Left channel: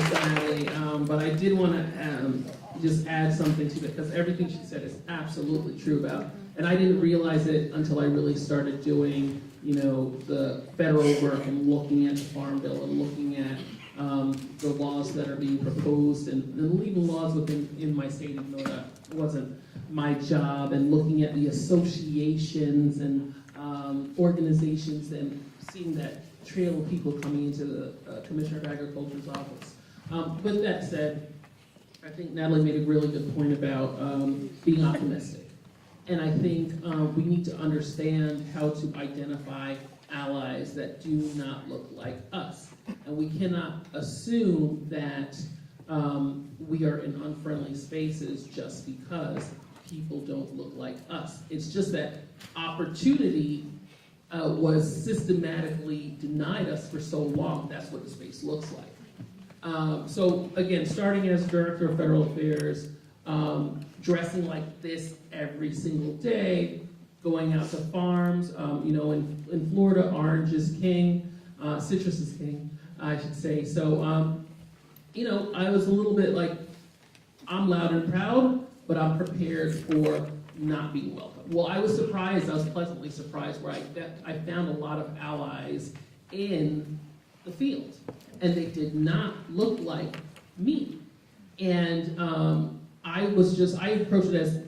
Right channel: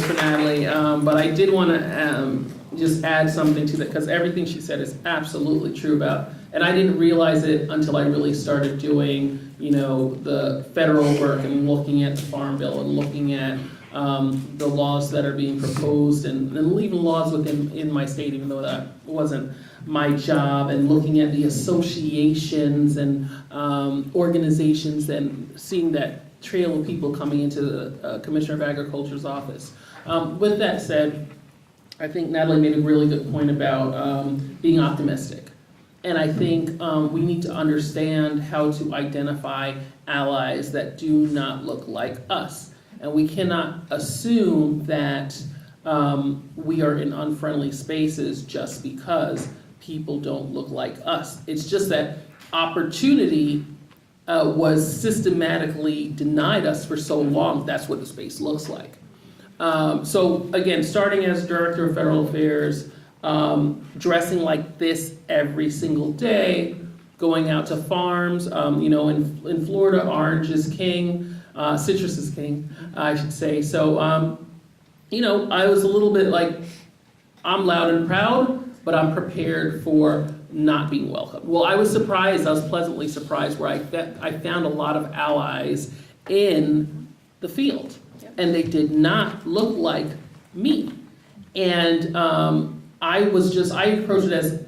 for Natalie, but I did want to just add something to that, because everything she said is absolutely true about, and I didn't realize it until I really started doing, the federal work and looking at the Farm Bill and looking at the laws that are being proposed and even laws in my state, even though that wasn't my job, and looking at the associations and organizations and seeing that trail of people coming into the Commissioner of Agriculture's office. With that said, I think Natalie made a really good point about being optimistic. And I think we need to understand how to identify allies that do not look like us. And we cannot assume that we are in unfriendly spaces just because people don't look like us. It's just that opportunity was systematically denied us for so long. That's what the space looks like. So again, starting as Director of Federal Affairs, dressing like this every single day, going out to farms, in Florida, orange is king, citrus is king, I should say. So, I was a little bit like, I'm loud and proud, but I'm prepared for not being welcome. Well, I was pleasantly surprised where I found a lot of allies in the field, and they did not look like me. And I approached it as,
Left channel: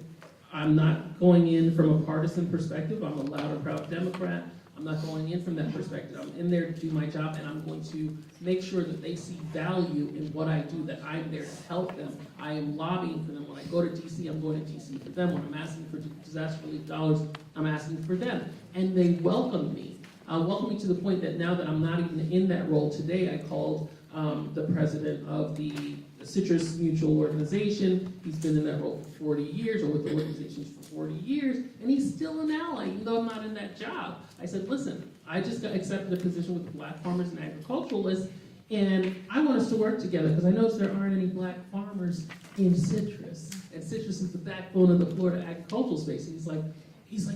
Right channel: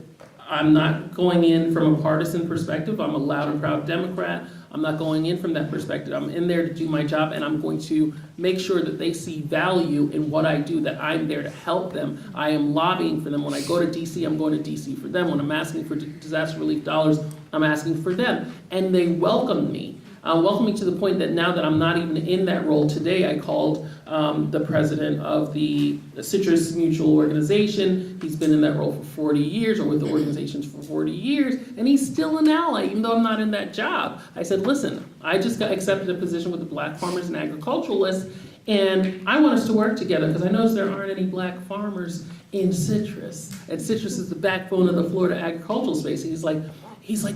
I'm not going in from a partisan perspective. I'm a loud and proud Democrat. I'm not going in from that perspective. I'm in there to do my job, and I'm going to make sure that they see value in what I do, that I'm there to help them. I am lobbying for them. When I go to DC, I'm going to DC for them. When I'm asking for disaster relief dollars, I'm asking for them. And they welcomed me. Welcomed me to the point that now that I'm not even in that role today, I called the president of the Citrus Mutual Organization. He's been in that role for 40 years, or with the organizations for 40 years, and he's still an ally, even though I'm not in that job. I said, listen, I just got accepted a position with the Black Farmers and Agriculturalists, and I want us to work together, because I noticed there aren't any black farmers in citrus, and citrus is the backbone of the Florida agricultural space. He's like,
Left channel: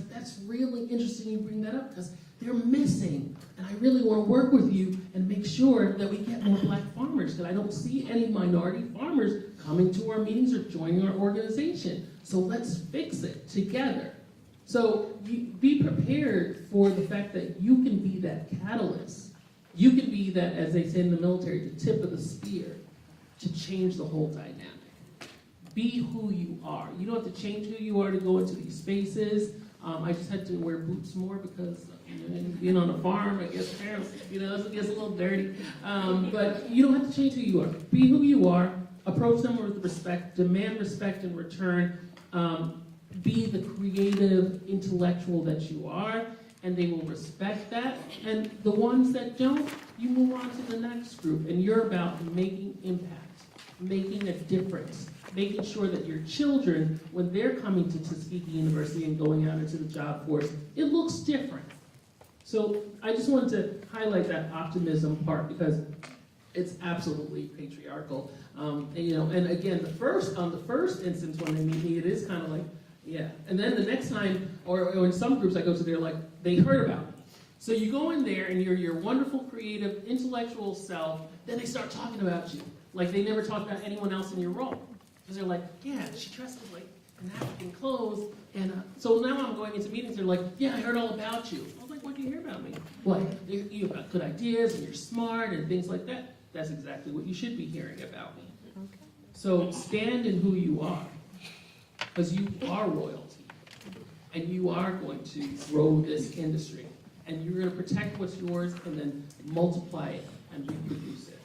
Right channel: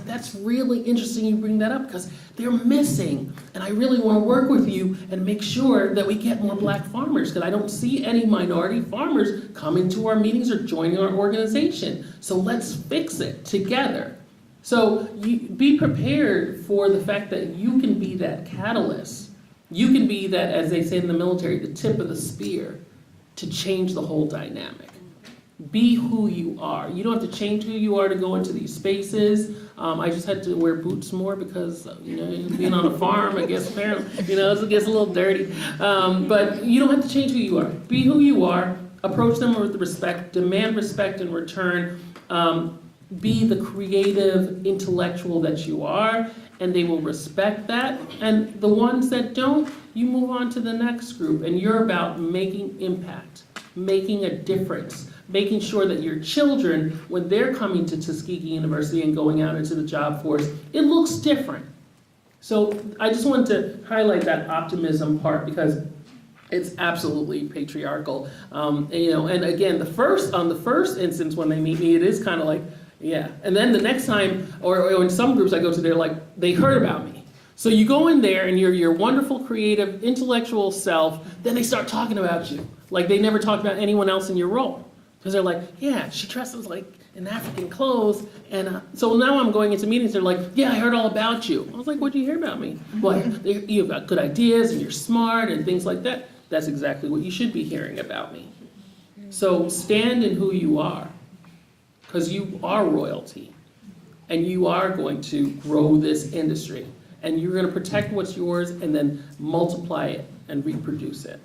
that's really interesting you bring that up, because they're missing, and I really want to work with you and make sure that we get more black farmers, because I don't see any minority farmers coming to our meetings or joining our organization. So let's fix it together. So be prepared for the fact that you can be that catalyst. You can be that, as they say in the military, the tip of the spear to change the whole dynamic. Be who you are. You don't have to change who you are to go into these spaces. I just had to wear boots more because, being on a farm, I guess, apparently, it gets a little dirty. But you don't have to change who you are. Be who you are. Approach them with respect. Demand respect in return. Be the creative intellectual that you are, and they will respect that. And the ones that don't, you move on to the next group, and you're about making impact, making a difference, making sure that your children, when they're coming to Tuskegee University and going out into the job force, it looks different. So I just wanted to highlight that optimism part, because it's absolutely patriarchal. And again, the first instance when they meet me, it is kind of like, yeah. And then the next time, or in some groups I go to, they're like, they heard about me. So you go in there and you're your wonderful, creative, intellectual self, then they start talking about you like they never talked about anyone else in your role. Because they're like, yeah, she dresses like in African clothes. And so now I'm going into meetings, they're like, yeah, I heard all about you. I was like, what'd you hear about me? Well, you've got good ideas and you're smart and things like that. That's exactly what you should be hearing about me. So stand in who you are, because you are royalty. And you are going to grow this industry. And you're going to protect what's yours and then multiply it and reproduce it.